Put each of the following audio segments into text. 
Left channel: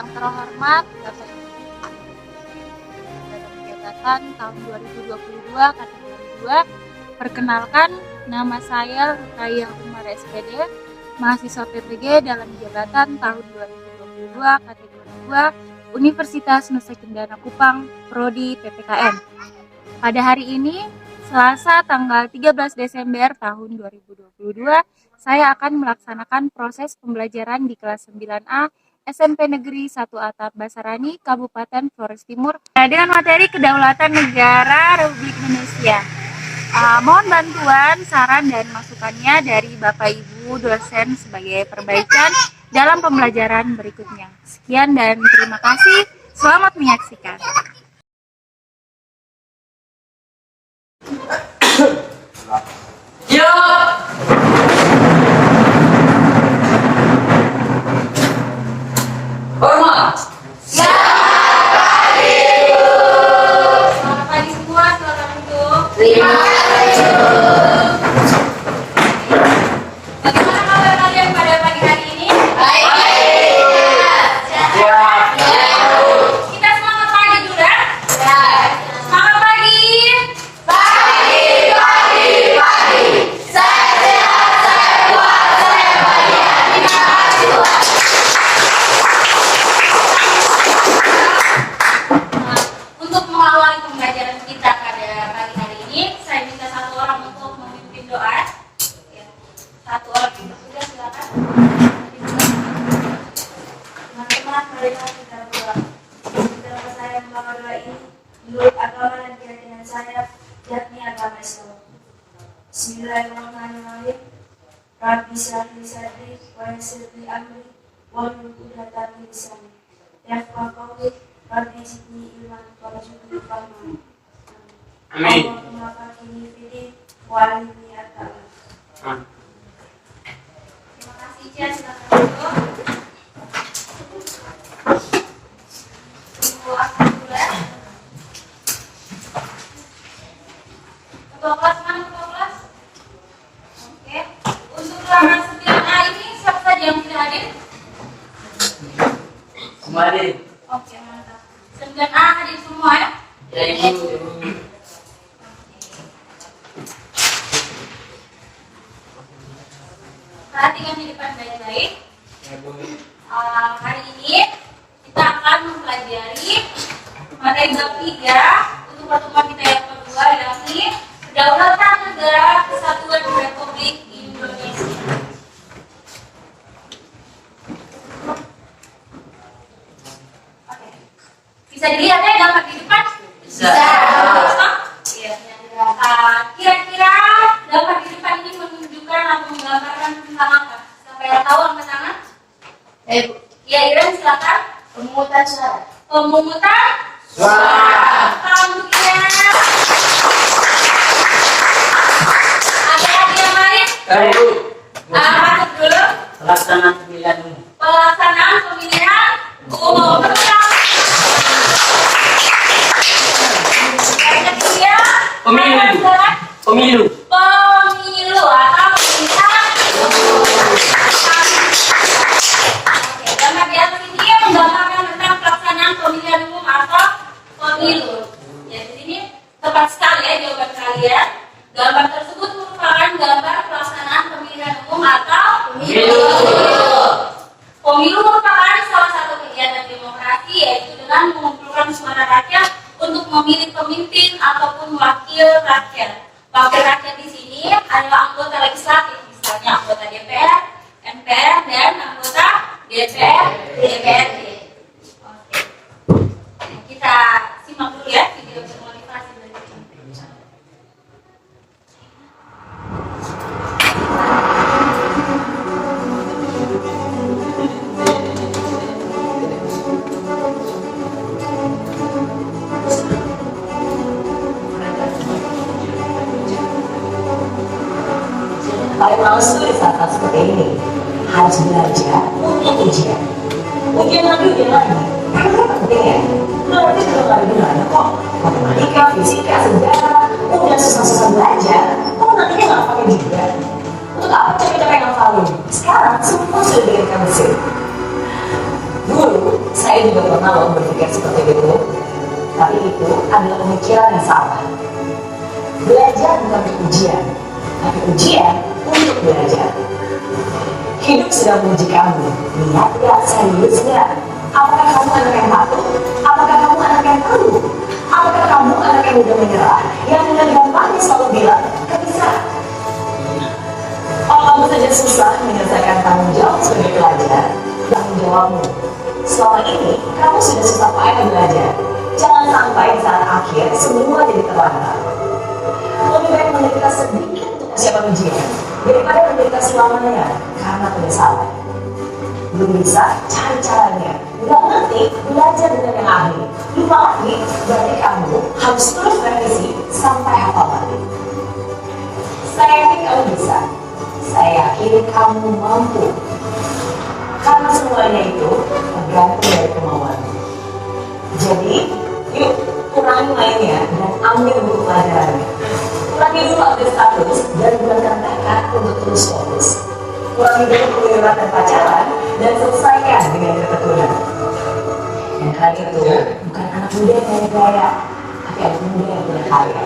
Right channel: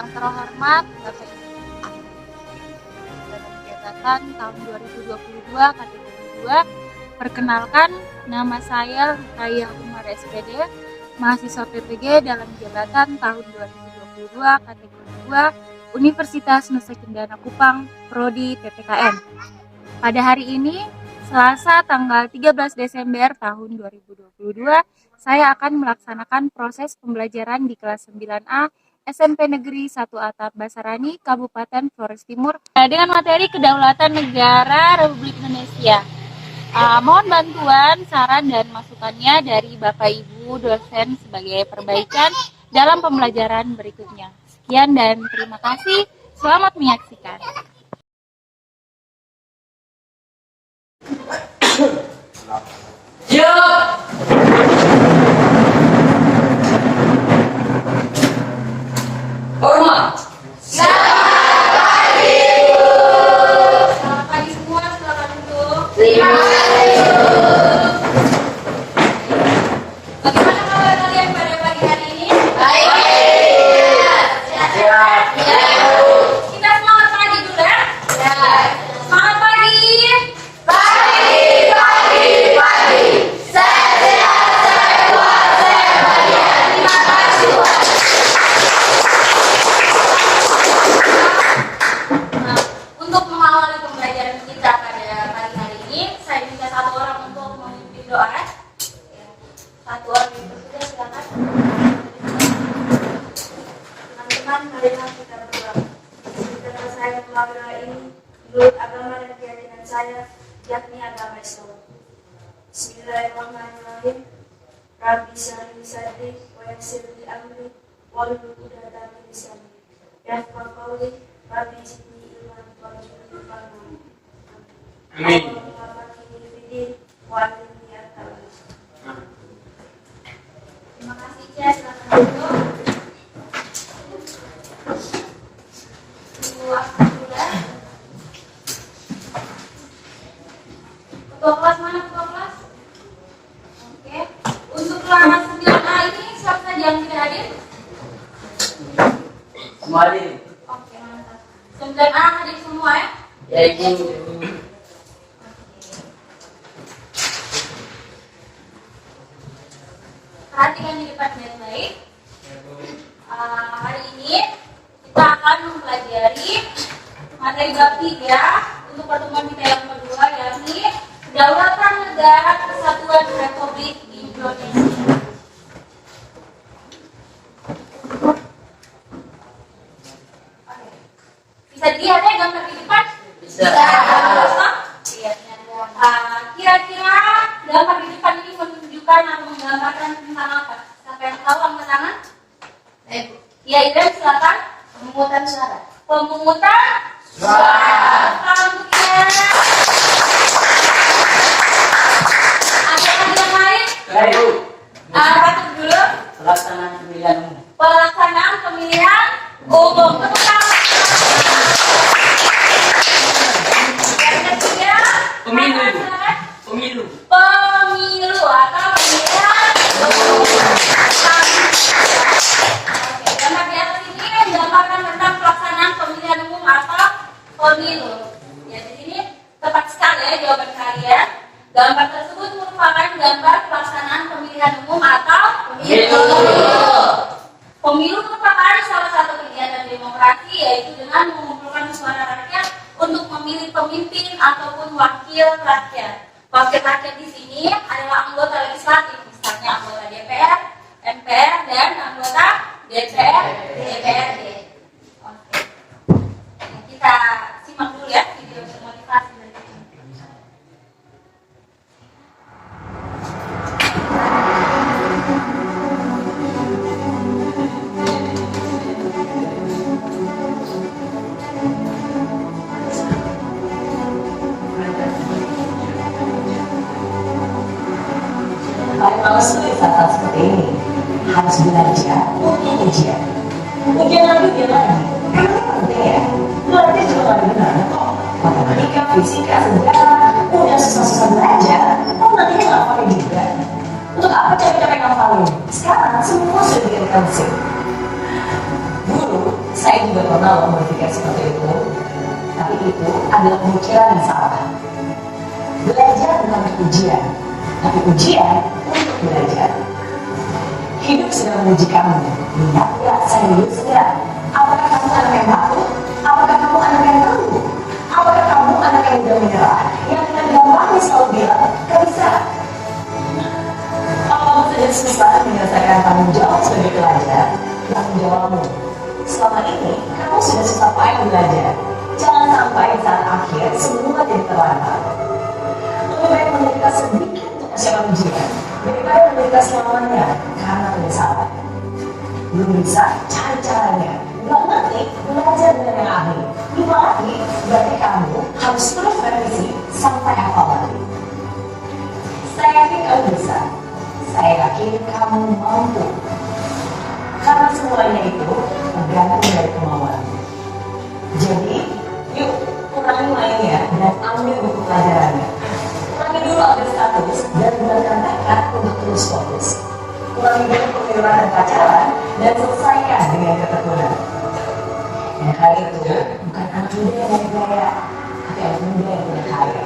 Yang terhormat Bapak Ibu dalam jabatan tahun 2022 kategori 2. Perkenalkan, nama saya Rukaya Umar SPD, mahasiswa PPG dalam jabatan tahun 2022 kategori 2 Universitas Nusa Cendana Kupang, Prodi PPKN. Pada hari ini, Selasa tanggal 13 Desember tahun 2022, saya akan melaksanakan proses pembelajaran di kelas 9A SMP Negeri 1 Atap Basarani, Kabupaten Flores Timur, dengan materi Kedaulatan Negara Republik Indonesia. Mohon bantuan, saran, dan masukannya dari Bapak Ibu dosen sebagai perbaikan dalam pembelajaran berikutnya. Sekian dan terima kasih. Selamat menyaksikan. Hormat. Selamat pagi semua, silakan duduk. Terima kasih. Bagaimana kabar kalian pada pagi hari ini? Baik. Siap. Siap. Kita semangat pagi dulu ya. Semangat pagi. Pagi. Saya sehat, saya kuat, saya bahagia. Terima kasih Tuhan. Nah, untuk mengawali pembelajaran kita pada pagi hari ini, saya minta satu orang untuk memimpin doa. Ya, satu orang yang bertugas, silakan. Teman-teman, marilah kita berdoa. Setelah saya membaca doa ini, menurut agama dan keyakinan saya, yakni agama Islam. Bismillahirrahmanirrahim. Rabbi shrah li sadri wa yassir li amri wahlul 'uqdatam min lisani yafqahu qawli. Rabbi zidni ilman warzuqni fahma. Amin. Allahumma faqihni fid-din wa 'allimni at-ta'wil. Terima kasih, Cia. Silakan duduk. Ibu Asma juga. Ketua kelas mana, ketua kelas? Oke. Untuk kelas 9A ini siapa saja yang bisa hadir? Semua hadir. Oke, mantap. 9A hadir semua ya? Ya, Ibu. Perhatikan di depan baik-baik. Hari ini kita akan mempelajari materi bab 3 untuk pertemuan kita yang kedua, yakni Kedaulatan Negara Kesatuan Republik Indonesia. Oke. Bisa dilihat ya gambar di depan? Bisa. Iya. Kira-kira gambar di depan ini menunjukkan atau menggambarkan tentang apa? Sampai tahu angkat tangan? Ya, Iren silakan. Pemungutan suara. Pemungutan Suara. Salam untuk Iren. Ada lagi yang lain? Baru. Masuk dulu. Pelaksanaan pemilihan umum. Pelaksanaan pemilihan umum. Yang ketiga, Pemilu. ada surat Pemilu. pemilu atau pemilihan umum. Oke, gambar di atas ini menggambarkan tentang pelaksanaan pemilihan umum atau pemilu. Ya, di sini tepat sekali ya jawaban kalian. Gambar tersebut merupakan gambar pelaksanaan pemilihan umum atau pemilu. Pemilu merupakan salah satu kegiatan demokrasi, yaitu dengan mengumpulkan suara rakyat untuk memilih pemimpin ataupun wakil rakyat. Wakil rakyat di sini adalah anggota legislatif, misalnya anggota DPR, MPR, dan anggota DPRD. Oke. Kita simak dulu ya video untuk motivasi berikut ini. Paling males tuh di saat seperti ini. Harus belajar untuk ujian. Ujian lagi. Emangnya penting ya? Berarti juga gak ada gunanya kok. Matematika, fisika, sejarah. Udah susah-susah belajar. Kok nantinya gak pakai juga? Untuk apa capek-capek ngafalin? Sekarang semua sudah direkam. Dulu saya berpikir seperti itu, tapi itu adalah pemikiran yang salah. Belajar bukan untuk ujian, tapi ujian untuk belajar. Hidup sedang menguji kamu. Lihat ya, seriusnya. Apakah kamu anak yang patuh? Apakah kamu anak yang tangguh? Apakah kamu anak yang mudah menyerah? Yang dengan gampangnya selalu bilang, gak bisa. Kalau kamu saja susah menyelesaikan tanggung jawab sebagai pelajar, tanggung jawabmu. Selama ini, kamu sudah susah payah belajar. Jangan sampai di saat akhir, semua jadi terlantar. Lebih baik menderita sedikit untuk persiapan ujian, daripada menderita selamanya karena penyesalan. Belum bisa, cari caranya. Nggak ngerti, belajar dengan yang ahli. Lupa ahli, berarti kamu harus terus revisi sampai hafal lagi. Saya yakin kamu bisa. Saya yakin kamu mampu. Karena semuanya itu tergantung dari kemauan. Jadi, yuk kurangi mainnya dan ambil buku pelajarannya. Kurangi dulu update status dan gunakan tekad untuk terus fokus. Kurangi dulu keluyuran dan pacaran dan selesaikan dengan ketekunan. Yang hadir itu bukan anak muda yang punya gaya, tapi anak muda yang punya karya.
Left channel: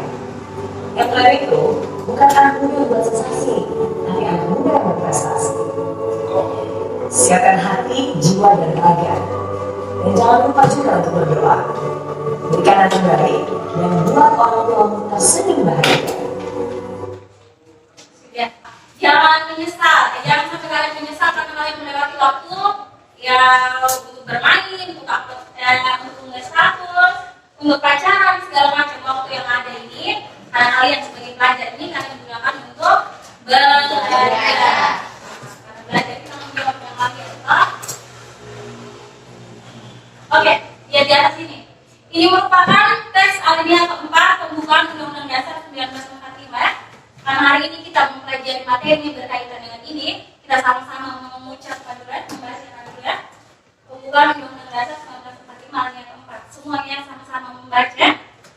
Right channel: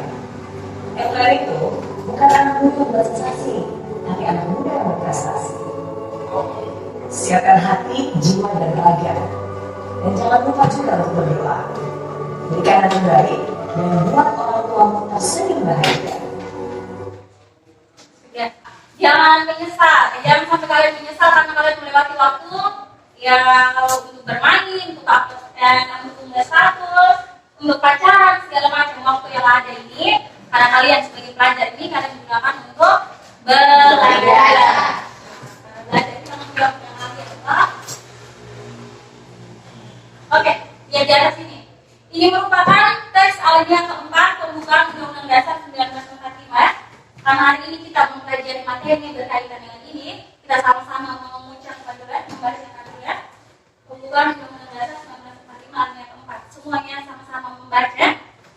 Yang lain itu bukan anak muda yang buat sensasi, tapi anak muda yang berprestasi. Siapkan hati, jiwa, dan raga. Dan jangan lupa juga untuk berdoa. Berikan yang terbaik dan buat orang tuamu tersenyum bahagia. Jangan menyesal, jangan sampai kalian menyesal karena kalian melewati waktu yang untuk bermain, untuk nulis status, untuk pacaran, segala macam waktu yang ada ini. Karena kalian sebagai pelajar ini kalian gunakan untuk belajar. Belajar kita menjawab yang lagi adalah oke, lihat di atas ini. Ini merupakan teks alinea keempat pembukaan Undang-Undang Dasar 1945 ya. Karena hari ini kita mempelajari materi yang berkaitan dengan ini, kita sama-sama mengucapkan dulu ya, membacakan dulu ya. Pembukaan Undang-Undang Dasar 1945 alinea keempat. Semuanya sama-sama membaca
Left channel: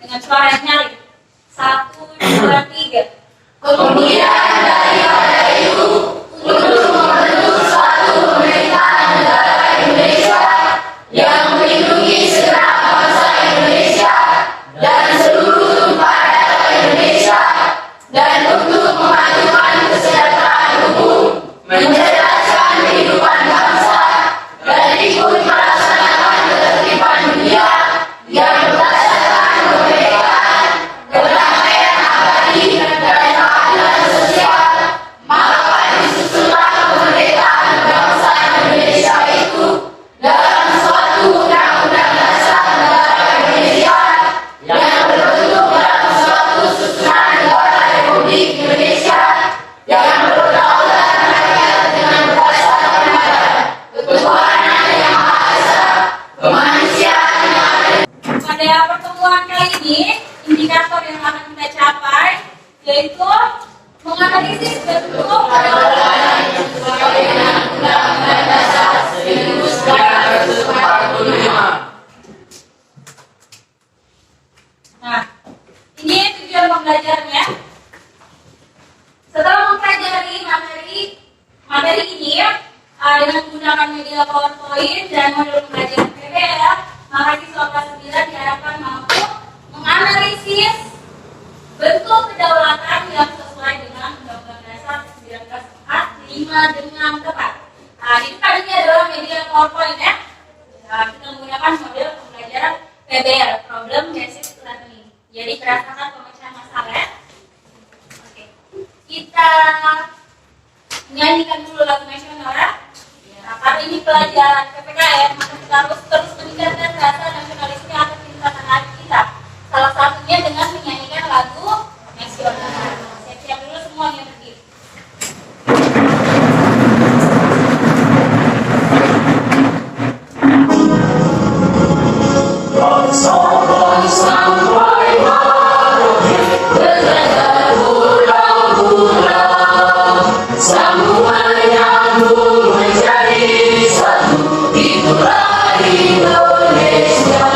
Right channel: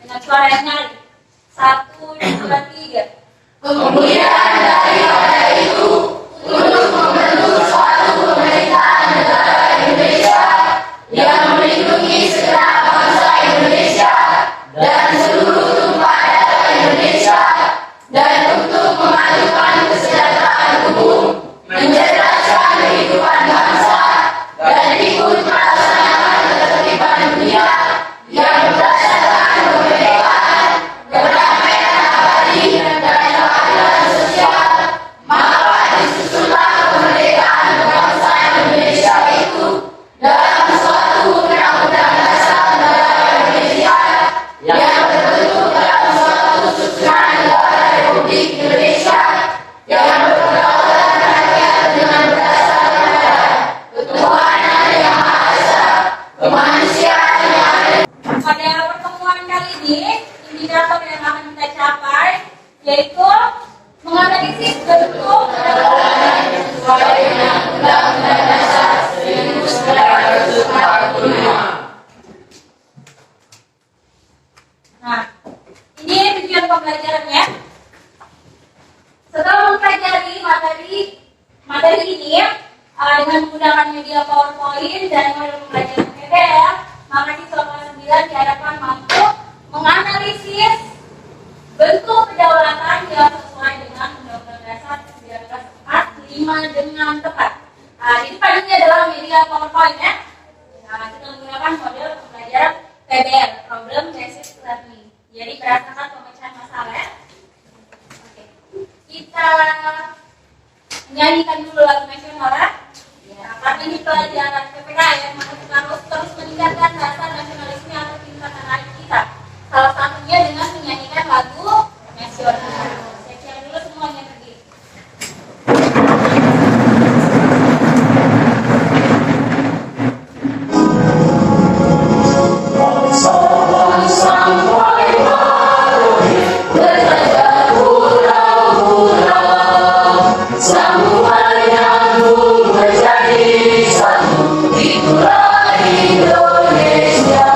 dengan suara yang nyali. 1, 2, 3. Kemudian daripada itu, untuk membentuk suatu pemerintahan negara Indonesia yang melindungi segenap bangsa Indonesia dan seluruh tumpah darah Indonesia, dan untuk memajukan kesejahteraan umum, mencerdaskan kehidupan bangsa, dan ikut melaksanakan ketertiban dunia yang berdasarkan kemerdekaan, kedamaian abadi, dan keadilan sosial, maka disusunlah kemerdekaan bangsa Indonesia itu dalam suatu undang-undang dasar negara Indonesia yang terbentuk dalam suatu susunan negara Republik Indonesia yang berdaulat rakyat dengan berdasarkan pada ketuhanan yang Maha Esa, kemanusiaan yang adil. Pada pertemuan kali ini, indikator yang akan kita capai yaitu menganalisis bentuk kedaulatan yang sesuai dengan Undang-Undang Dasar 1945. Nah, ini tujuan pembelajarannya. Setelah mempelajari materi ini dengan menggunakan media PowerPoint dan modul pembelajaran PBL, maka siswa kelas 9 diharapkan mampu menganalisis bentuk kedaulatan yang sesuai dengan Undang-Undang Dasar 1945 dengan tepat. Di depan ini adalah media PowerPoint ya. Kita menggunakan model pembelajaran PBL, Problem Based Learning. Jadi berdasarkan pemecahan masalah ya. Oke. Kita nyanyikan dulu lagu nasional ya. Karena ini pelajaran PPKN, maka kita harus terus meningkatkan rasa nasionalisme atau cinta tanah air kita. Salah satunya dengan menyanyikan lagu nasional. Saya siap dulu semuanya berdiri. Indonesia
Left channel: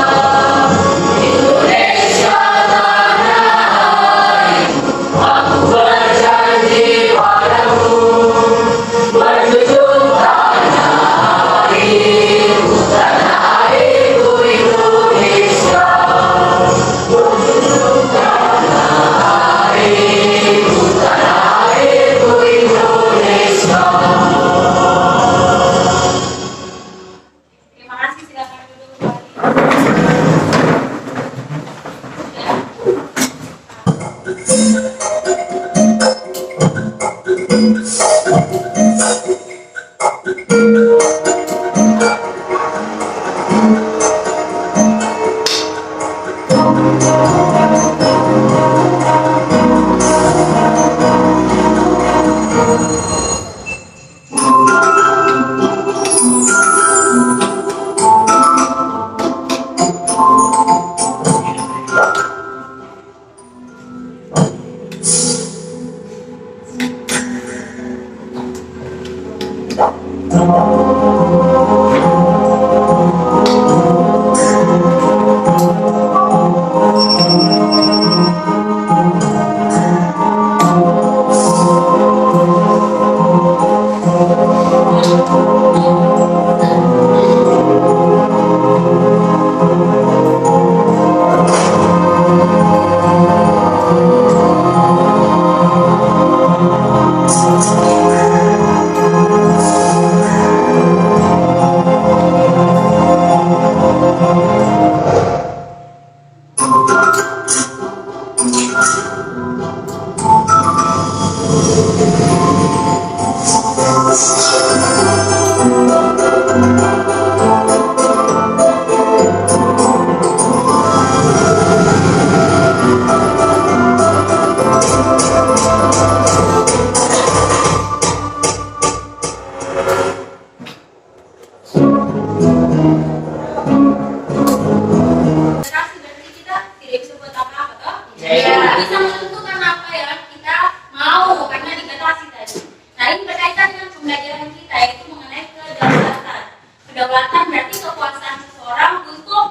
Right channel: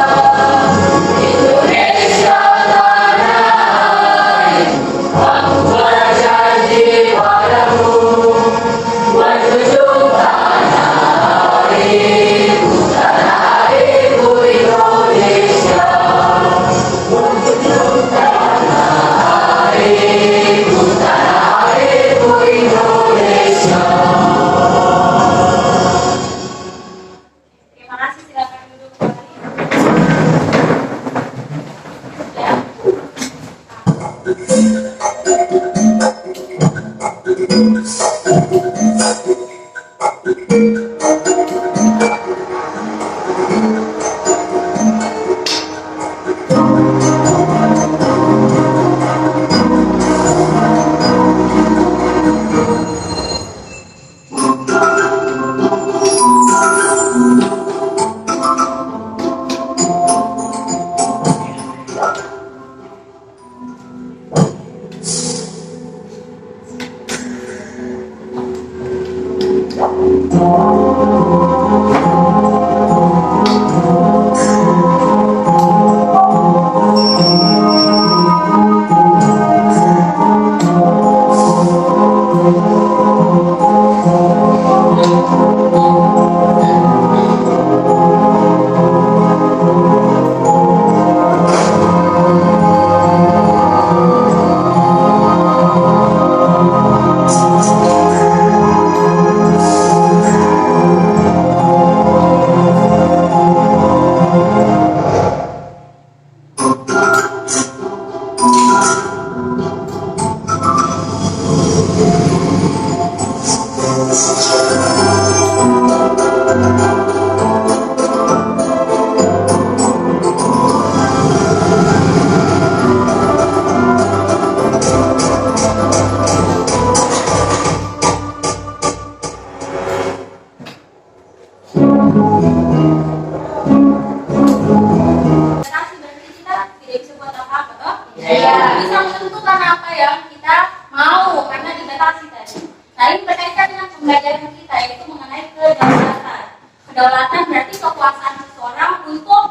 Bisa menentukan apa yang kita mau karena dibatasi tadi. Nah, ini berkaitan dengan pembelajaran kita yaitu mengenai kedaulatan. Kedaulatan berarti kekuasaan seseorang untuk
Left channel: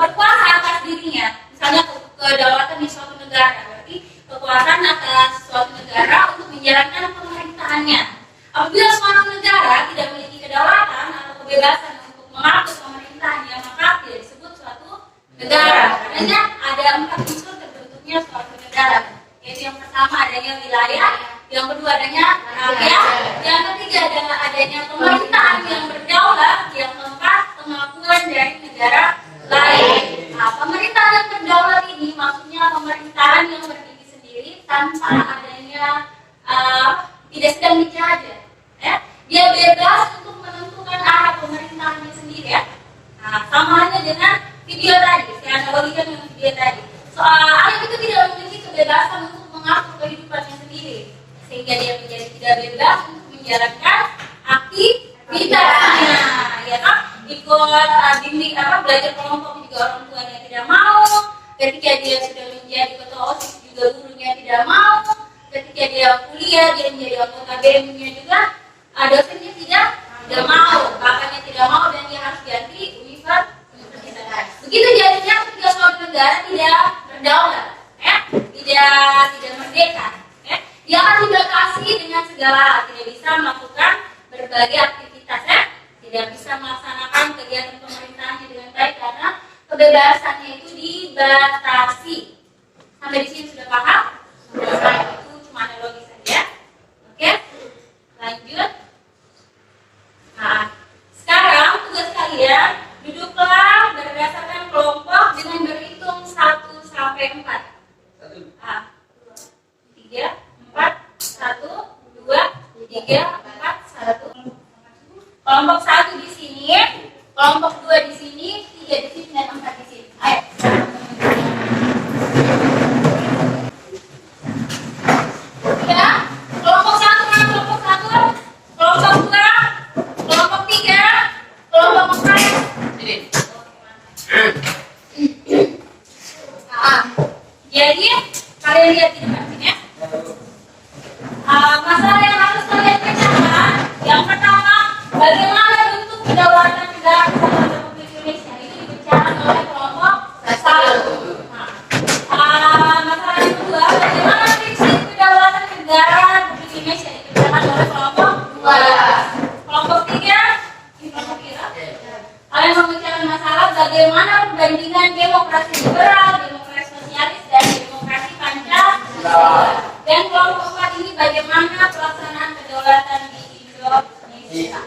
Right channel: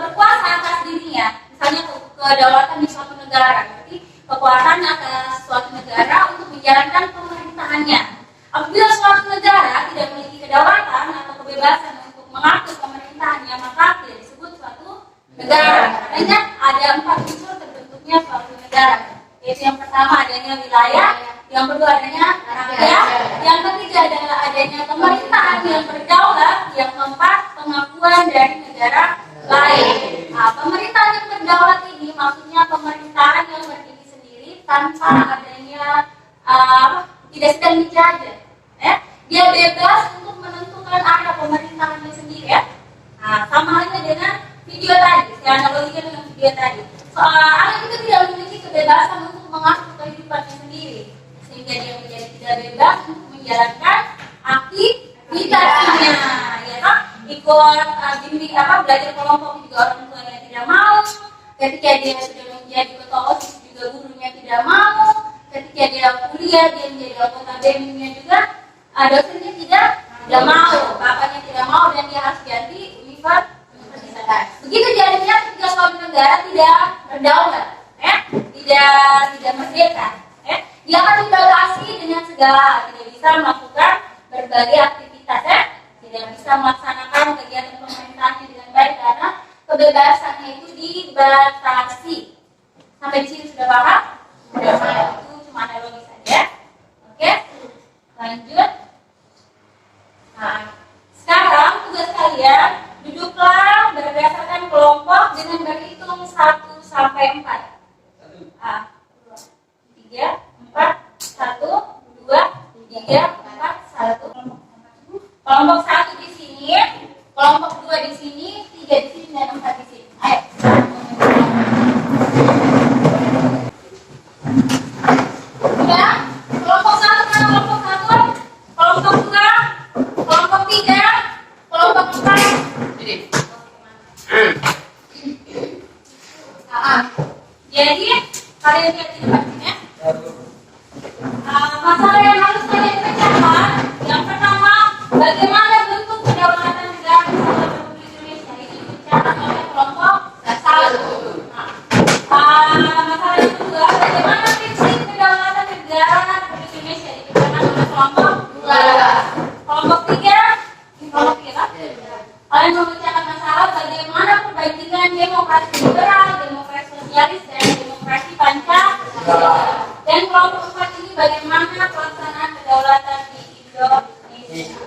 berkuasa atas dirinya. Misalnya kedaulatan di suatu negara berarti kekuasaan atas suatu negara untuk menjalankan pemerintahannya. Apabila suatu negara tidak memiliki kedaulatan atau kebebasan untuk mengatur pemerintahannya, maka tidak disebut suatu negara. Karena ada 4 unsur terbentuknya suatu negara, yaitu yang pertama adanya wilayah, yang kedua adanya rakyat, yang ketiga adalah adanya pemerintahan yang berdaulat, yang keempat pengakuan dari negara lain. Nah, pemerintahan yang berdaulat ini maksudnya pemerintahan yang berdiri sendiri tanpa adanya tidak sedang dijajah. Dia bebas untuk menentukan arah pemerintahannya sendiri. Nah, sama halnya dengan video tadi, saya analogikan dengan video tadi. Anak itu tidak memiliki kebebasan untuk mengatur kehidupannya sendiri, sehingga dia menjadi tidak bebas untuk menjalankan aktivitasnya, ya kan? Ikut bimbing belajar kelompok juga orang tuanya tidak mau. Ketika dia sudah menjadi ketua OSIS juga gurunya tidak mau. Ketika dia kuliah dia menjadi anggota BEM-nya juga dosennya tidak mau, kakaknya tidak mau dan dia harus ganti universitas. Begitu jadinya ketika suatu negara tidak berdaulat, tidak merdeka, dia akan dibatasi dengan segala hal, tidak bisa melakukan berbagai aktivitas, tidak bisa melaksanakan kegiatan pemerintahannya dengan baik karena kebebasannya itu dibatasi. Sampai di sini sudah paham? Itu cuma analogi saja. Oke, lanjut. Nah, sekarang tugas kalian duduklah berdasarkan kelompok dengan berhitung 1 sampai 4. 3, 4, 1, 2, 3, 4, 1. Kelompok 1 di sini, kelompok 2 di sini, 3 di sini dan 4 di sini. Ayo. Sudah? Kelompok 1 mana kelompok 1? Kelompok 2, kelompok 3, kelompok 4. Jadi kalian lihat di depan sini ya. Masalah yang harus kalian ketahui, yang pertama, bagaimana bentuk kedaulatan negara Kesatuan Republik Indonesia itu dibicarakan oleh kelompok 1. Masalah yang kedua, bagaimana prinsip kedaulatan negara Republik Indonesia dibicarakan oleh kelompok 2. Kelompok 3, kelompok 3. Kalian membicarakan masalah bagaimana perbandingan demokrasi liberal, demokrasi sosialis, dan demokrasi Pancasila. Dan kelompok 4 ini bagaimana pelaksanaan kedaulatan di Indonesia.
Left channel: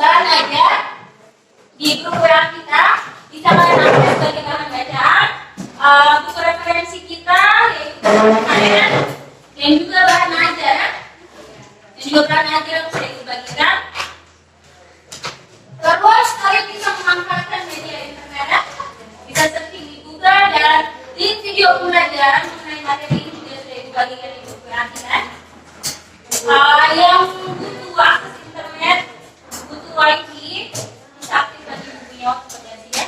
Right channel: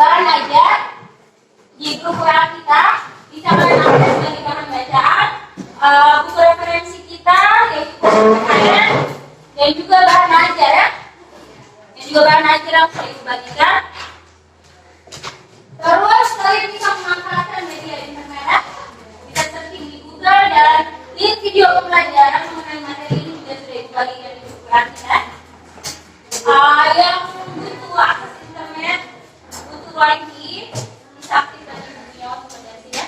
bahan ajar di grup WA kita bisa kalian akses sebagai bahan bacaan, buku referensi kita yaitu dokumen dan juga bahan ajar ya. Dan juga bahan ajar yang sudah dibagikan. Terus kalian bisa memanfaatkan media internet, bisa searching di Google dan link video pembelajaran mengenai materi ini juga sudah dibagikan di grup WA kita. Yang butuh akses internet, butuh wifi, bisa aktifkan di bukunya waktu potensi ya.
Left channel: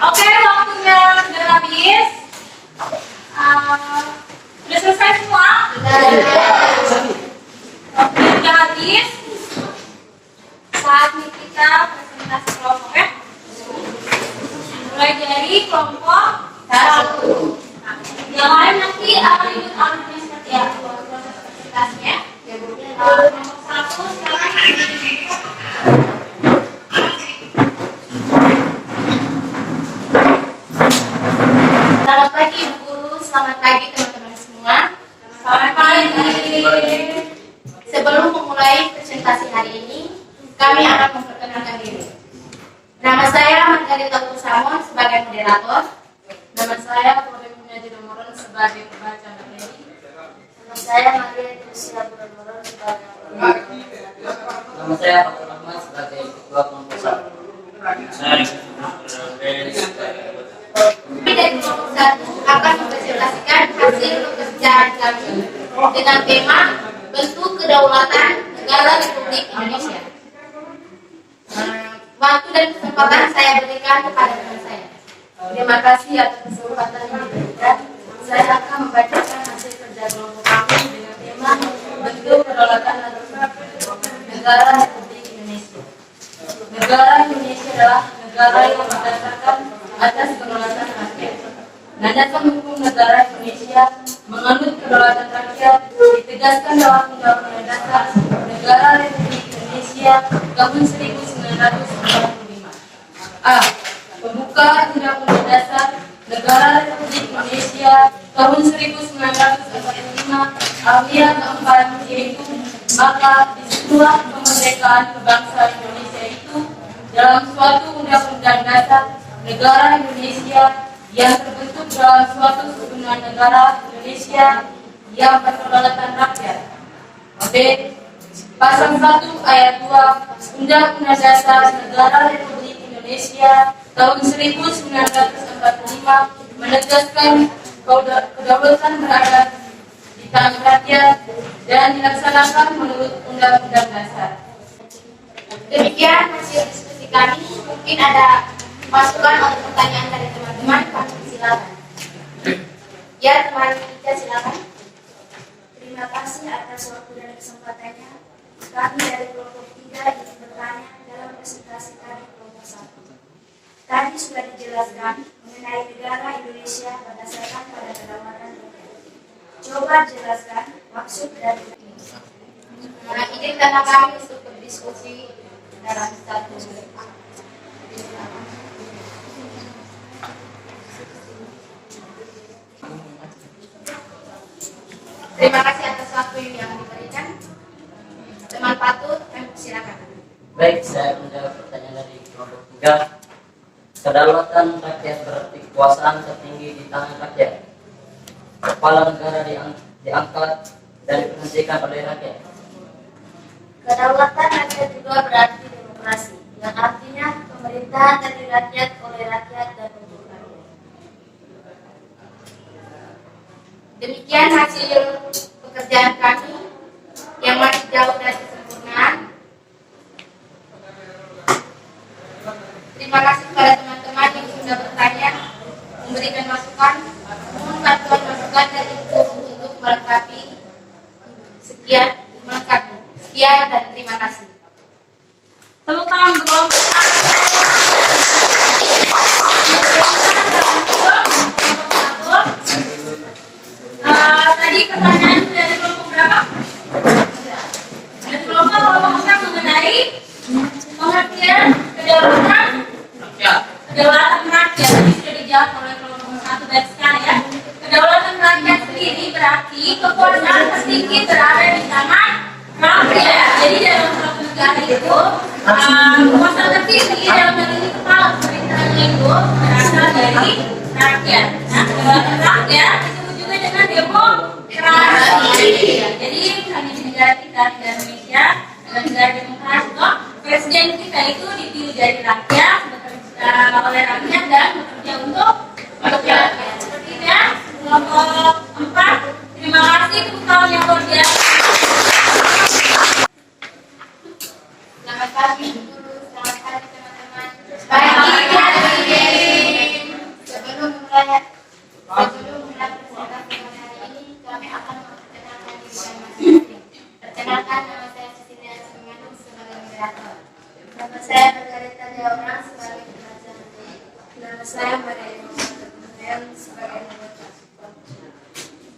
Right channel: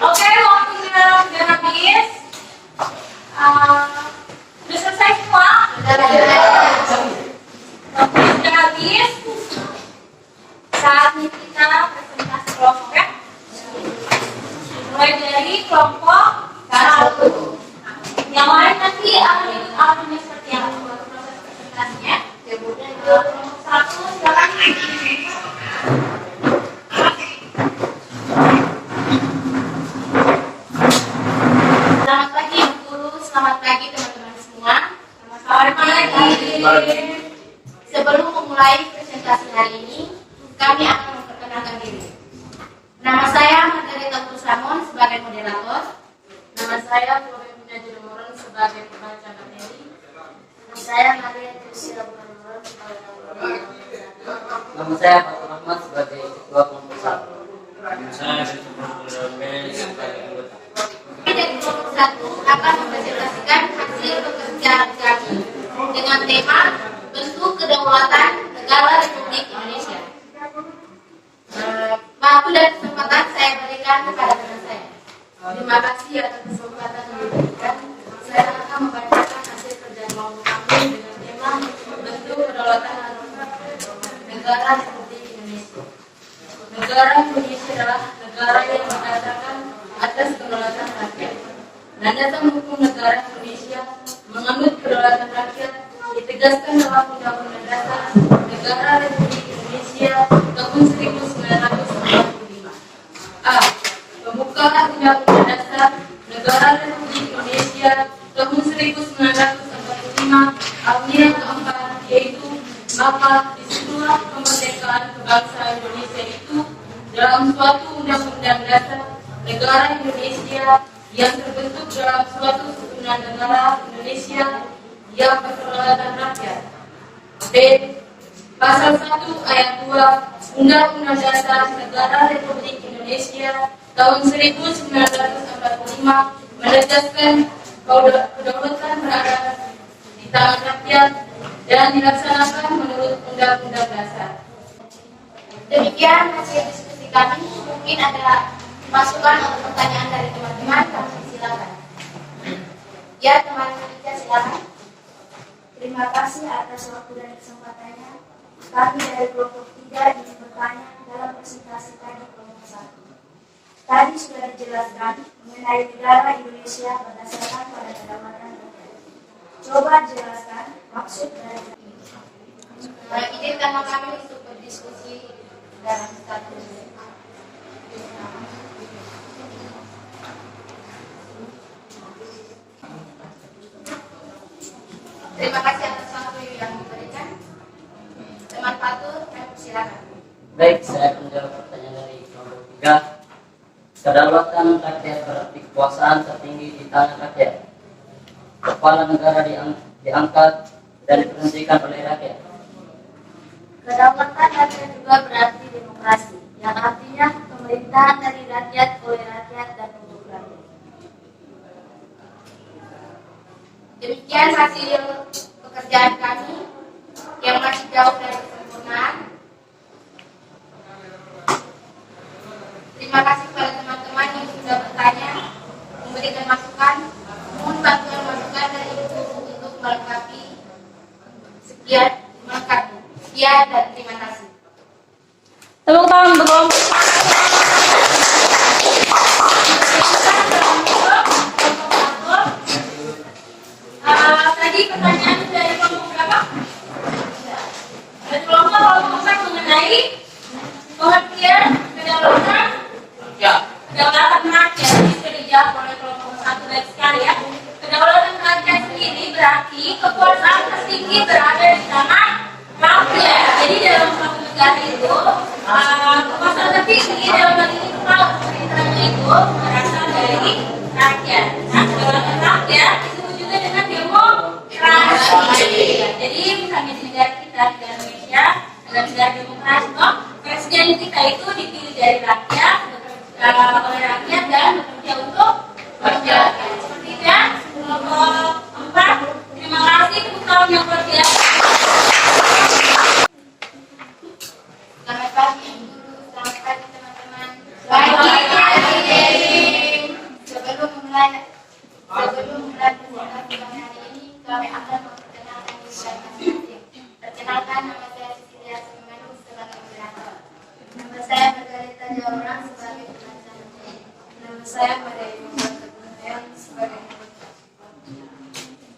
Oke, waktunya sudah habis. Sudah selesai semua? Waktunya sudah habis. Saatnya kita presentasi kelompok ya. Mulai dari kelompok 1. Yang lain nanti akan ikut alurnya seperti apa proses presentasinya. Kelompok 1 sekarang. Selamat pagi Bu Guru, selamat pagi teman-teman semua. Selamat pagi. Sebelum memulai presentasi hari ini, kami akan memperkenalkan diri. Nama saya Margarita Kusamon sebagai moderator. Nama saya Chloe Punjaji Moron sebagai pembaca materi. Nama saya Maria Trisila Moron sebagai Nama saya Fatul Rahman sebagai ketua kelompok 1. Nama saya sebagai anggota. Kami dari kelompok 1 akan mempresentasikan hasil pekerjaan kami dengan tema bentuk kedaulatan negara Republik Indonesia. Waktu dan kesempatan saya berikan kepada teman saya. Terima kasih atas kesempatan yang diberikan. Saya akan membacakan hasil kerja kelompok kami dengan tema bentuk kedaulatan negara Republik Indonesia. Negara Indonesia adalah negara yang berdasarkan atas kedaulatan rakyat. Landasan hukum negara Indonesia menganut kedaulatan rakyat ditegaskan dalam Undang-Undang Dasar Negara Republik Indonesia tahun 1945. A. Pembukaan Undang-Undang Dasar Negara Republik Indonesia tahun 1945 Alia keempat, yaitu maka disitulah kemerdekaan bangsa Indonesia itu dalam suatu undang-undang dasar negara Indonesia yang terbentuk dalam suatu kesatuan negara Indonesia yang berkedaulatan rakyat. B. Pasal 1 ayat 2 Undang-Undang Dasar Negara Republik Indonesia tahun 1945 menegaskan kedaulatan berada di tangan rakyat dan dilaksanakan menurut Undang-Undang Dasar. Demikian hasil diskusi kami. Mungkin ada masukan atau pertanyaan dari teman-teman, kami silakan. Ya, teman kita silakan. Terima kasih atas waktu dan kesempatannya. Kami dari kelompok 3 ingin bertanya dalam presentasi tadi kelompok 1. Tadi sudah dijelaskan mengenai negara Indonesia berdasarkan pada kedaulatan rakyat. Coba jelaskan maksud dari Izinkan kami untuk berdiskusi dalam satu menit. Terima kasih atas waktu yang diberikan. Teman Fatul, silakan. Baik, saya akan menjawab pertanyaan dari kelompok 3. Kedaulatan rakyat berarti kekuasaan tertinggi di tangan rakyat. Kepala negara diangkat dan diberhentikan oleh rakyat. Kedaulatan rakyat juga berarti demokrasi, yang artinya pemerintahan dari rakyat, oleh rakyat, dan untuk rakyat. Demikian hasil pekerjaan kami yang masih jauh dari kesempurnaan. Terima kasih kepada teman-teman yang sudah bertanya, memberikan masukan, mohon bantuan masukan dari ibu untuk melengkapi. Sekian dan terima kasih. Tepuk tangan bergelombang. Tadi pertanyaan dari kelompok berapa? Dari kelompok besar mengenai pengertian kedaulatan rakyat. Ini sudah dijawab oleh kelompok 1 baik sekali ya. Kedaulatan rakyat sendiri berarti kekuasaan tertinggi berada di tangan rakyat. Jadi dalam suatu negara itu kekuasaan tertinggi dalam hal ini kepala pemerintahannya itu berasal dari rakyat. Nah, kedaulatan rakyat disebut juga dengan demokrasi. Jadi misalnya di negara kita, negara Indonesia, adalah negara demokrasi, toh presiden kita itu dipilih dari rakyat, oleh rakyat dan bekerja untuk rakyat. Seperti itu ya. Kelompok 4, terima kasih untuk tahun yang luar biasa. Selamat pagi guru, selamat pagi teman-teman. Sebelum mulai presentasi pada hari ini, kami akan memperkenalkan diri masing-masing. Perkenalkan, nama saya Cecilia Sumanus sebagai moderator. Nama saya Margarita Jawabrang sebagai pembaca. Nama saya Maria Yusuf sebagai anggota.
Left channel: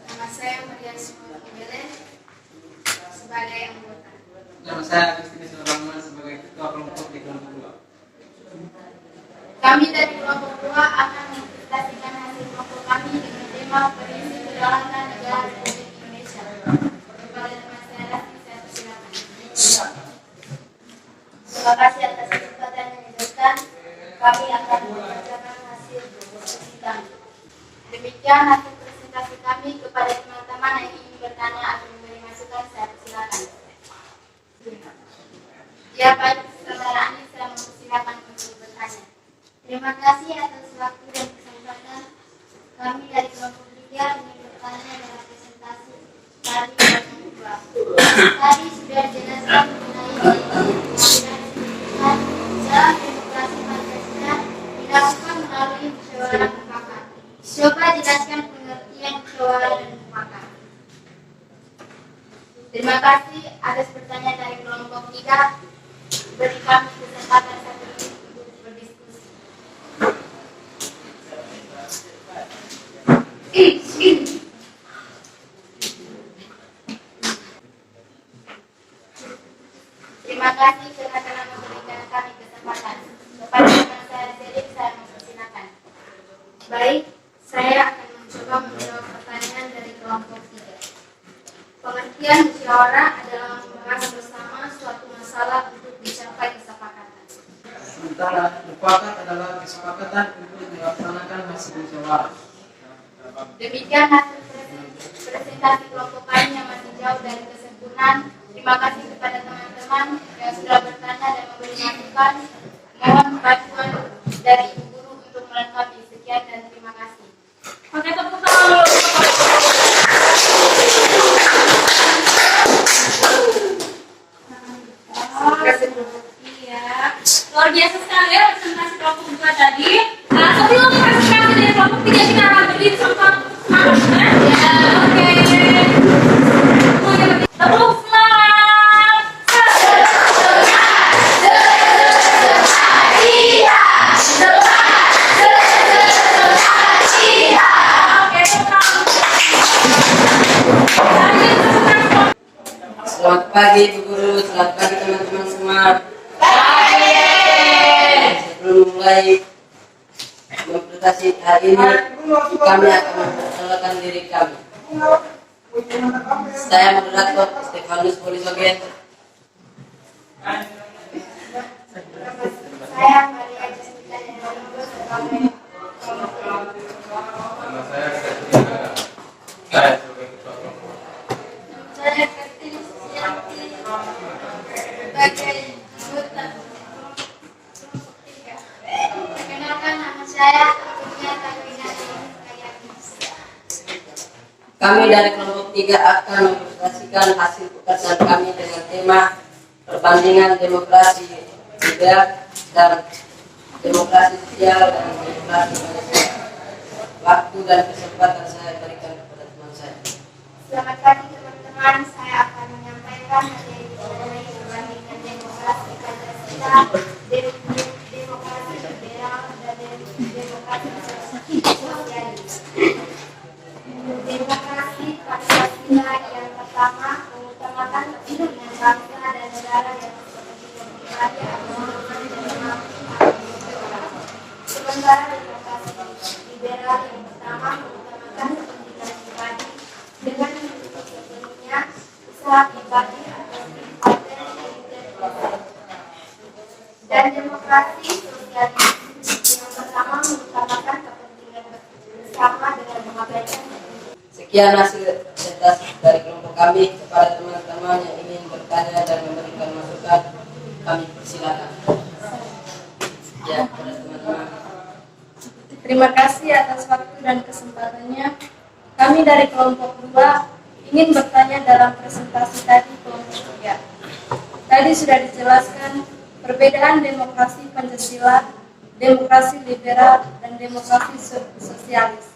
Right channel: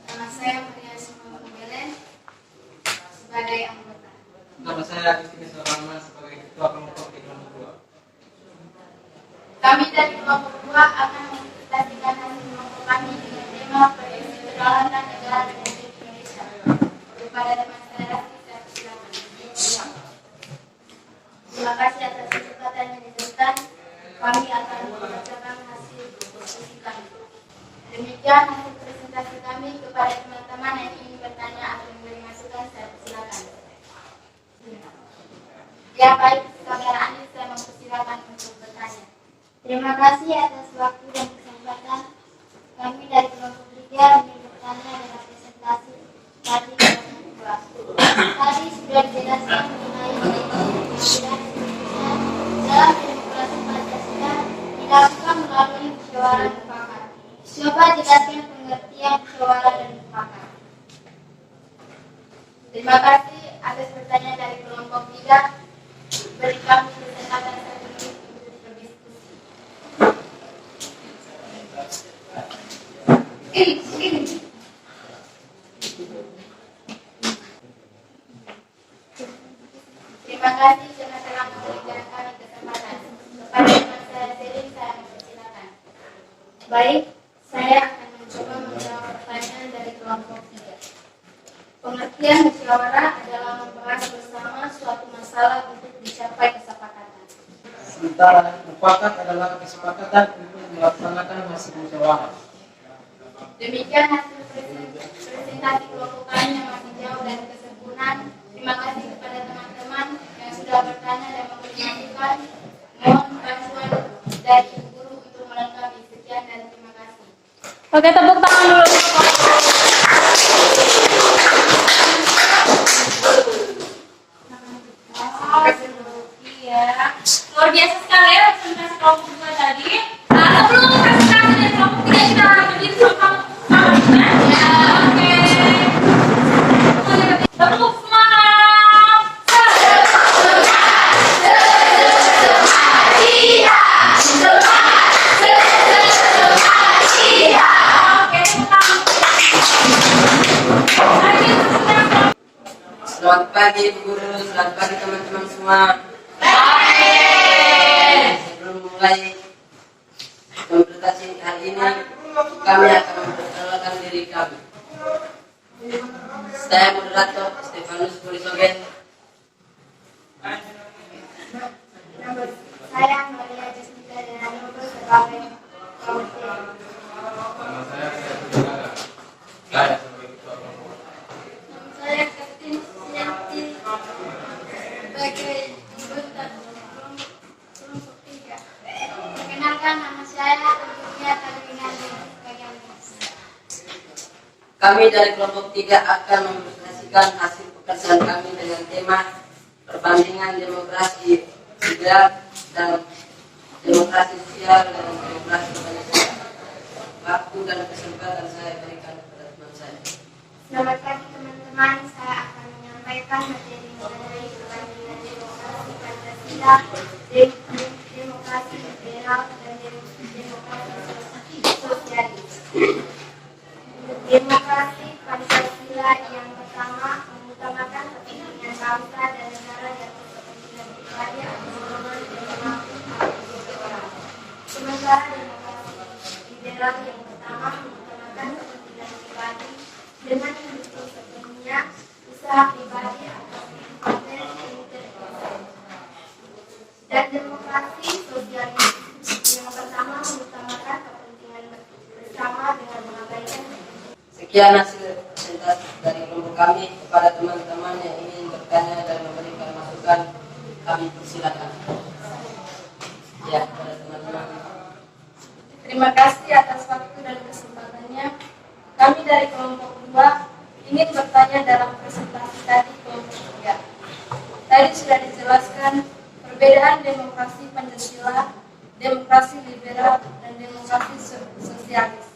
Nama saya Maria Sumanus Belen sebagai anggota. Nama saya Agustinus Sulaiman sebagai ketua kelompok di kelompok 2. Kami dari kelompok 2 akan mempresentasikan hasil kelompok kami dengan tema prediksi kedaulatan negara Republik Indonesia. Kepada teman saya, saya persilakan. Terima kasih atas kesempatan yang diberikan. Kami akan membacakan hasil diskusi kami. Demikian hasil presentasi kami. Kepada teman-teman yang ingin bertanya atau memberi masukan, saya persilakan. Ya baik, saudara Anies, saya mempersilakan untuk bertanya. Terima kasih atas waktu dan kesempatan. Kami dari kelompok 3 ingin bertanya dalam presentasi tadi kelompok 2. Tadi sudah dijelaskan mengenai pengambilan keputusan dalam demokrasi Pancasila dilakukan melalui musyawarah mufakat. Coba jelaskan pengertian musyawarah dan mufakat. Terima kasih atas pertanyaan dari kelompok 3. Beri kami kesempatan 1 menit untuk berdiskusi. Terima kasih karena telah memberikan kami kesempatan. Kepada teman saya Selim, saya mempersilakan. Baik, saya akan mencoba menjawab pertanyaan dari kelompok 3. Pengertian musyawarah adalah membahas bersama suatu masalah untuk dicapai kesepakatan. Sementara mufakat adalah kesepakatan untuk melaksanakan hasil musyawarah. Demikian hasil presentasi kelompok kami yang masih jauh dari kesempurnaan. Terima kasih kepada teman-teman yang sudah bertanya dan memberi masukan. Mohon bantuan dari Ibu Guru untuk melengkapi. Sekian dan terima kasih. Oke, tepuk tangan dulu. Iya, luar biasa sekali ya presentasi kelompok 2 tadi. Sebelum presentasi dari kelompok 3 kita berdiri sama ya, oke. Terus semangat. Oke, Selamat pagi Bu Guru, selamat pagi teman-teman semua. Sebelum mulai presentasi hari ini, kami akan memperkenalkan diri kami. Saya moderator Stefanus Polisogen. Saya Maria Jessica Dinanogo sebagai Nama saya Ketua saya sebagai ketua kelompok. saya Kartini Sianti Kami dari kelompok 3 akan mempresentasikan hasil pekerjaan kami dengan tema perbandingan demokrasi liberal dan demokrasi sosial dan demokrasi Pancasila. Waktu dan kesempatan saya berikan kepada teman saya. Selamat pagi teman-teman, saya akan menyampaikan materi mengenai perbandingan demokrasi Pancasila, demokrasi liberal, dan demokrasi sosialis. Demokrasi Pancasila yang pertama mengutamakan kepentingan bangsa dan negara yang kepentingan pribadi atau golongan tertentu. Sementara demokrasi liberal yang pertama mengutamakan kepentingan pribadi dengan mendukung sepenuhnya usaha pribadi atau partai politik. Dan demokrasi sosialis yang pertama mengutamakan kepentingan bersama dengan mengabaikan. Sekian hasil presentasi dari kelompok kami. Kepada teman-teman yang ingin bertanya dan memberikan masukan, kami persilakan. Ya, kepada teman-teman. Terima kasih atas waktu dan kesempatannya. Kami dari kelompok 2 ingin bertanya dalam presentasi tadi kelompok 3. Tadi sudah dijelaskan perbedaan demokrasi Pancasila, demokrasi liberal, dan demokrasi sosialis.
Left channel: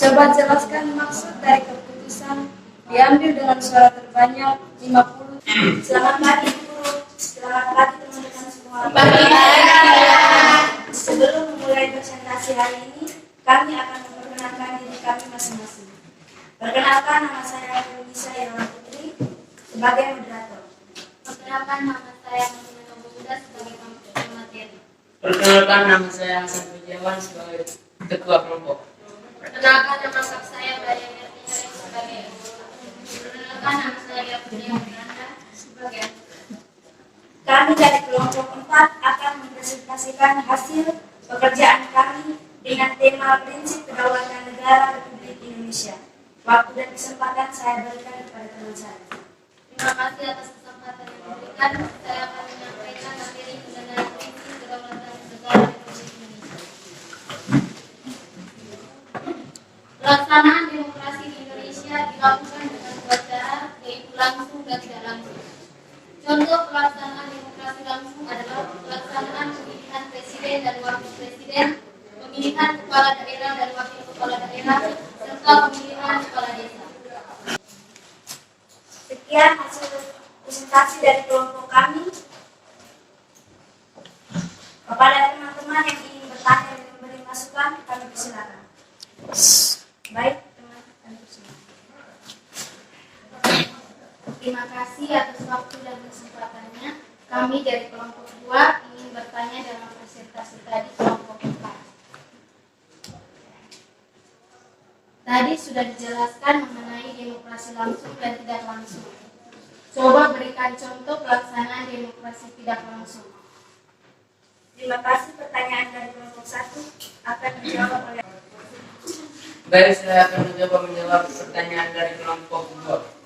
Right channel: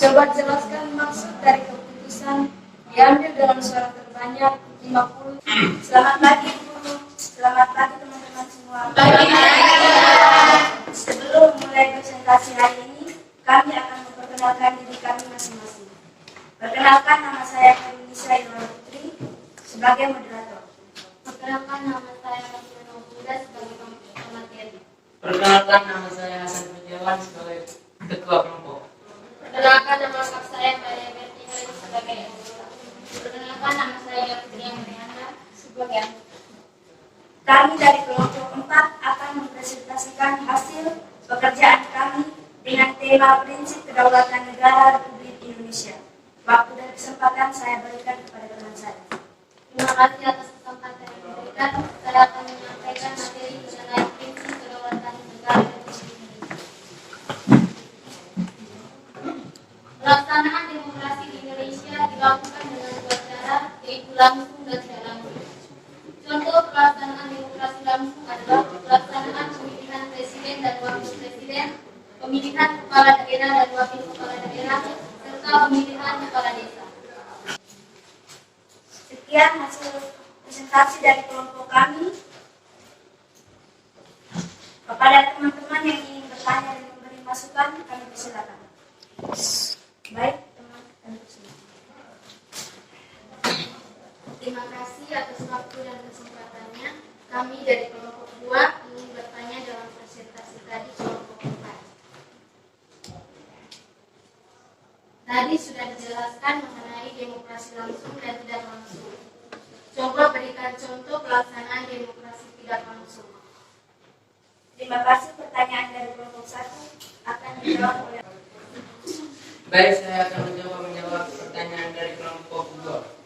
Coba jelaskan maksud dari keputusan diambil dengan suara terbanyak 50. Selamat pagi guru, selamat pagi teman-teman semua. Sebelum memulai presentasi hari ini, kami akan memperkenalkan diri kami masing-masing. Perkenalkan, nama saya Indonesia Yola Putri sebagai moderator. Perkenalkan, nama saya Masina Nobuda sebagai pemateri. Perkenalkan, nama saya Hasan Pujiawan sebagai ketua kelompok. Perkenalkan, nama saya Maria Bertiari sebagai anggota. Perkenalkan, nama saya Bertiari Miranda sebagai anggota. Kami dari kelompok 4 akan mempresentasikan hasil pekerjaan kami dengan tema prinsip kedaulatan negara Republik Indonesia. Waktu dan kesempatan saya berikan kepada teman saya. Terima kasih atas kesempatan yang diberikan. Saya akan menyampaikan materi mengenai prinsip kedaulatan negara Republik Indonesia. Pelaksanaan demokrasi di Indonesia dilakukan dengan dua cara, yaitu langsung dan tidak langsung. Contoh pelaksanaan demokrasi langsung adalah pelaksanaan pemilihan presiden dan wakil presiden, pemilihan kepala daerah dan wakil kepala daerah, serta pemilihan kepala desa. Sekian hasil presentasi dari kelompok kami. Kepada teman-teman yang ingin bertanya dan memberi masukan, kami persilakan. Baik, teman-teman. Terima kasih atas waktu dan kesempatannya. Kami dari kelompok 2 ingin bertanya dalam presentasi tadi kelompok 4. Tadi sudah dijelaskan mengenai demokrasi langsung dan tidak langsung. Coba berikan contoh pelaksanaan demokrasi tidak langsung. Terima kasih. Pertanyaan dari kelompok 1 akan dijawab oleh. Baik, saya akan menjawab pertanyaan dari kelompok 2.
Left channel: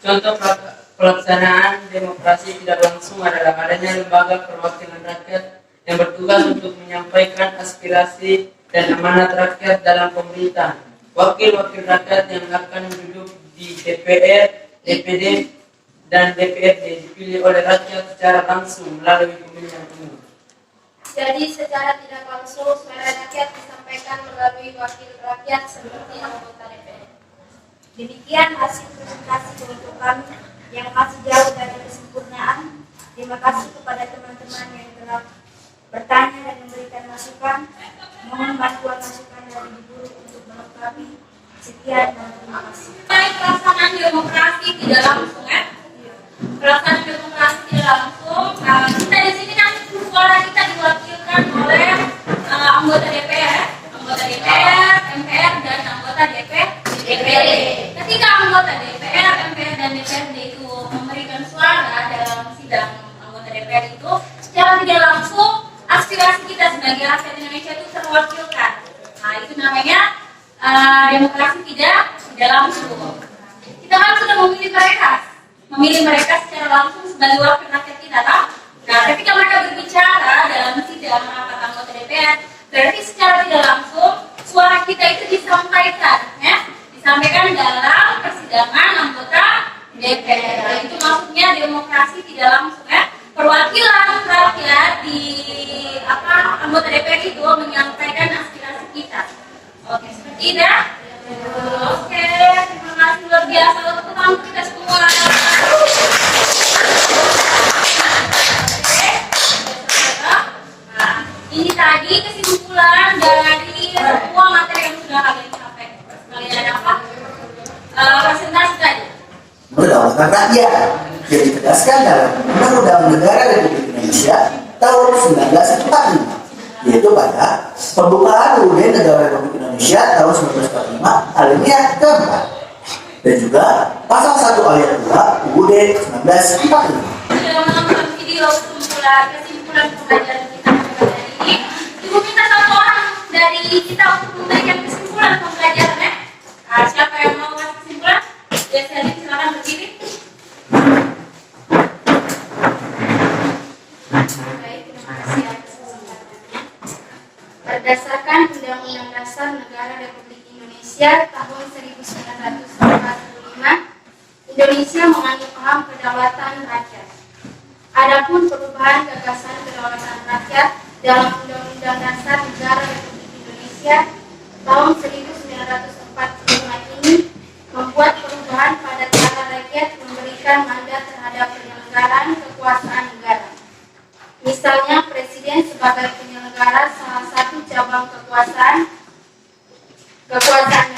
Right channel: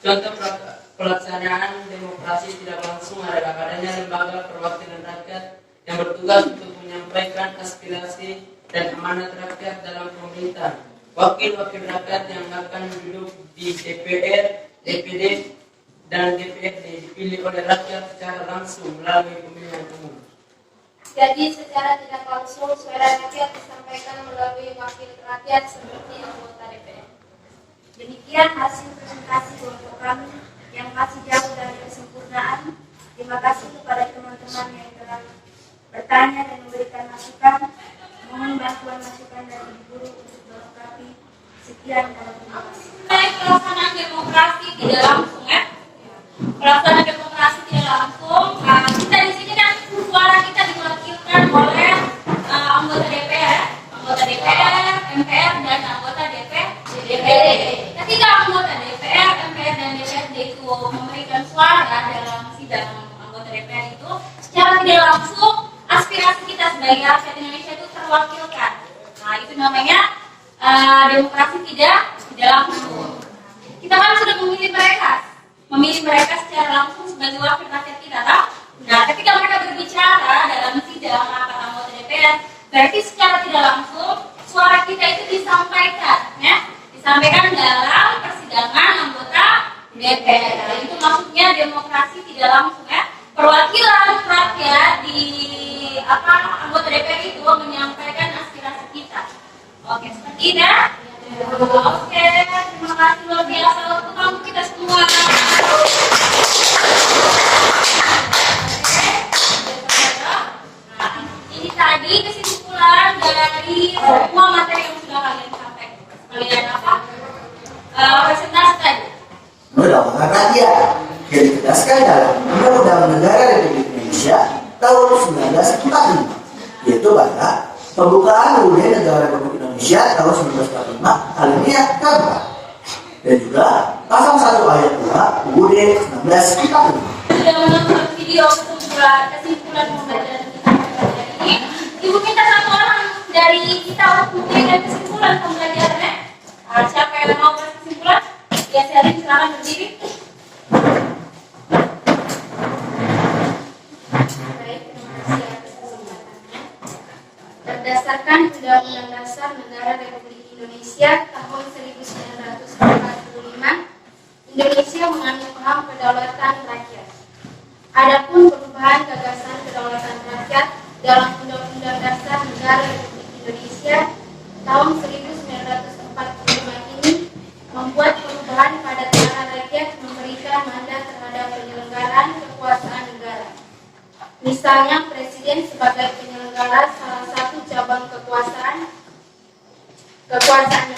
Contoh pelaksanaan demokrasi tidak langsung adalah adanya lembaga perwakilan rakyat yang bertugas untuk menyampaikan aspirasi dan amanat rakyat dalam pemerintahan. Wakil-wakil rakyat yang akan duduk di DPR, DPD, dan DPRD dipilih oleh rakyat secara langsung melalui pemilihan umum. Jadi secara tidak langsung suara rakyat disampaikan melalui wakil rakyat seperti anggota DPR. Demikian hasil presentasi kelompok kami yang masih jauh dari kesempurnaan. Terima kasih kepada teman-teman yang telah bertanya dan memberikan masukan. Mohon bantuan masukan dari Ibu Guru untuk melengkapi. Sekian dan terima kasih. Pelaksanaan demokrasi tidak langsung, ya. Pelaksanaan demokrasi tidak langsung. Kita di sini kan suara kita diwakilkan oleh anggota DPR, MPR, dan anggota DPRD. Ketika anggota DPR, MPR, dan DPRD itu memberikan suara dalam sidang anggota DPR itu, secara tidak langsung aspirasi kita sebagai rakyat Indonesia itu terwakilkan. Nah, itu namanya demokrasi tidak langsung. Kita kan sudah memilih mereka secara langsung sebagai wakil rakyat kita, kan? Nah, ketika mereka berbicara dalam sidang rapat anggota DPR, berarti secara tidak langsung suara kita itu disampaikan, ya, disampaikan dalam persidangan anggota DPR. Itu maksudnya demokrasi tidak langsung ya. Perwakilan rakyat di anggota DPR itu menyampaikan aspirasi kita. Oke, seperti itu. Oke, terima kasih luar biasa untuk tamu kita semua. Nah, ini tadi kesimpulan dari semua materi yang sudah kalian sampaikan. Kalian apa? Presentasi tadi. Kedaulatan rakyat yang ditegaskan dalam Undang-Undang Negara Republik Indonesia tahun 1945, yaitu pada pembukaan UUD Negara Republik Indonesia tahun 1945 alinea keempat, dan juga pasal 1 ayat 2 UUD 1945. Sudah menonton video kesimpulan pembelajaran kita pada hari ini. Ibu minta satu orang dari kita untuk memberikan kesimpulan pembelajarannya. Nah, siapa yang mau kasih kesimpulan? Ya, Selin, silakan berdiri. Baik, terima kasih atas kesempatannya. Berdasarkan Undang-Undang Dasar Negara Republik Indonesia tahun 1945, Indonesia menganut paham kedaulatan rakyat. Adapun perubahan gagasan kedaulatan rakyat dalam Undang-Undang Dasar Negara Republik Indonesia tahun 1945 ini membuat perubahan pada cara rakyat memberikan mandat terhadap penyelenggaraan kekuasaan negara. Misalnya, Presiden sebagai penyelenggara salah satu cabang kekuasaan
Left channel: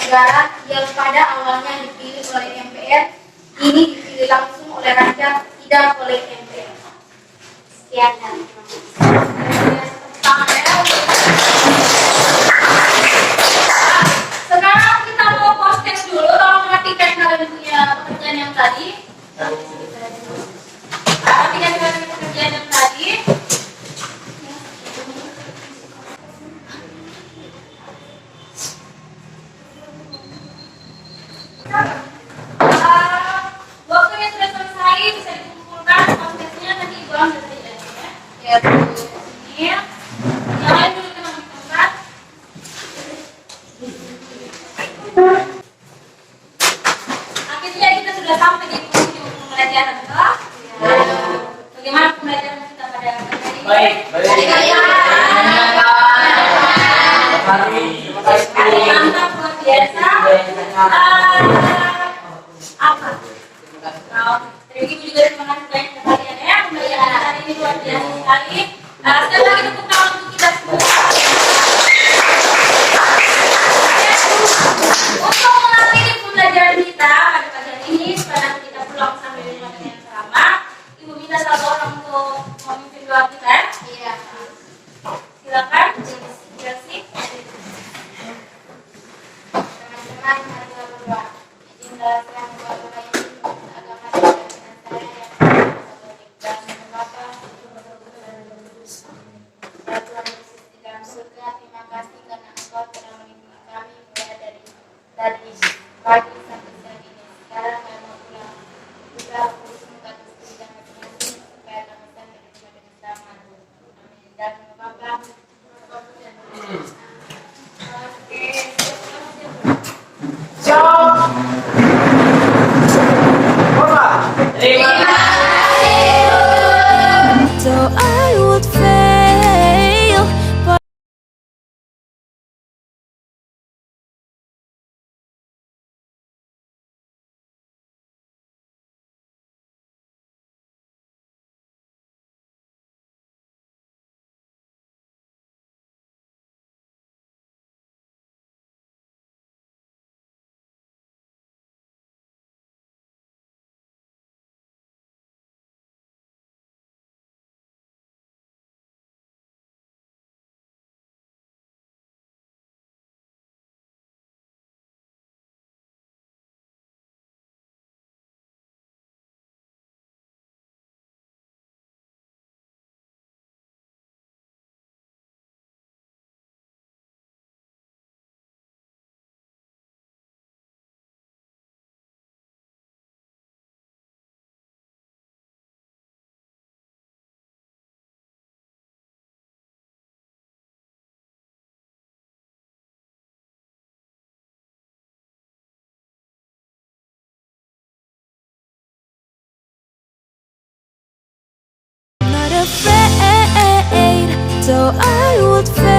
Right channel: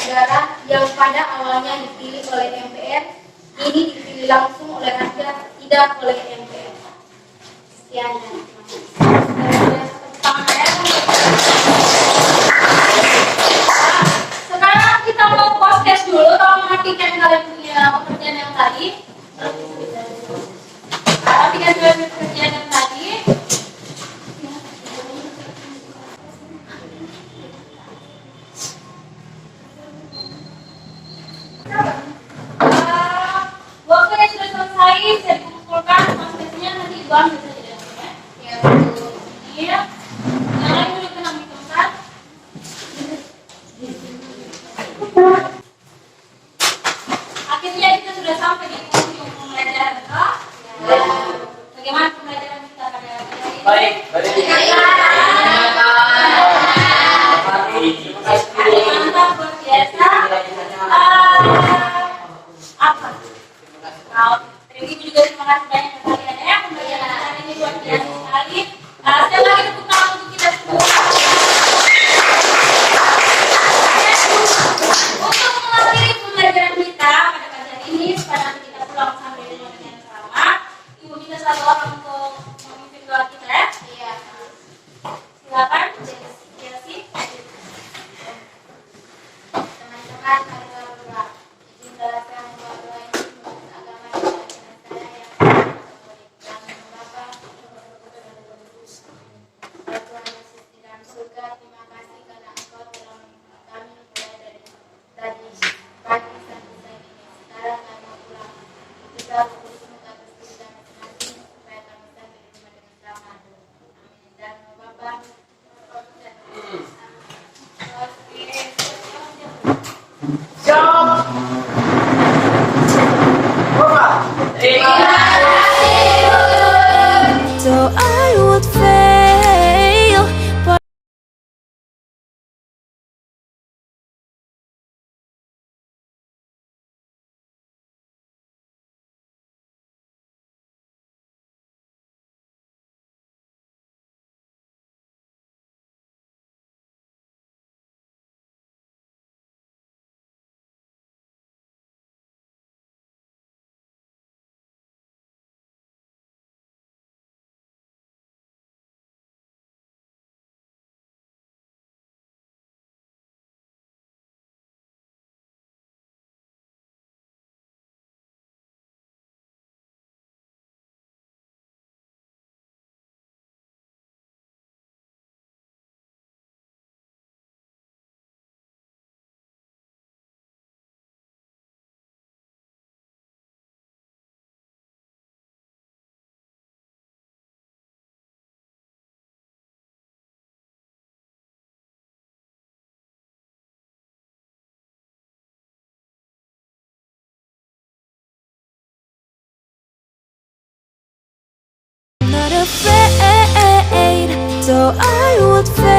negara yang pada awalnya dipilih oleh MPR, kini dipilih langsung oleh rakyat, tidak oleh MPR. Sekian dan terima kasih. Sekarang kita mau post-test dulu. Tolong perhatikan kalian punya pekerjaan yang tadi. Perhatikan kalian pekerjaan yang tadi. Waktunya sudah selesai, bisa dikumpulkan post-testnya, nanti Ibu ambil saja ya. Ini yang lain boleh tenang di tempat. Akhirnya kita sudah sampai di penghujung pembelajaran, betul? Bagaimana pembelajaran kita pada hari ini? Baik. Mantap, luar biasa. Apa? Terima kasih juga, terima kasih banyak kepada kalian ya. Pembelajaran hari ini luar biasa sekali. Sekali lagi tepuk tangan untuk kita semua. Untuk mengakhiri pembelajaran kita pada pagi hari ini, supaya nanti kita pulang sambil dengan ceramah, Ibu minta satu orang untuk memimpin doa kita ya. Iya. Silakan. Terima kasih. Teman-teman, mari kita berdoa. Izin balasan doa Tuhan ini untuk agama dan saya yang dan lembaga dan so I would fail.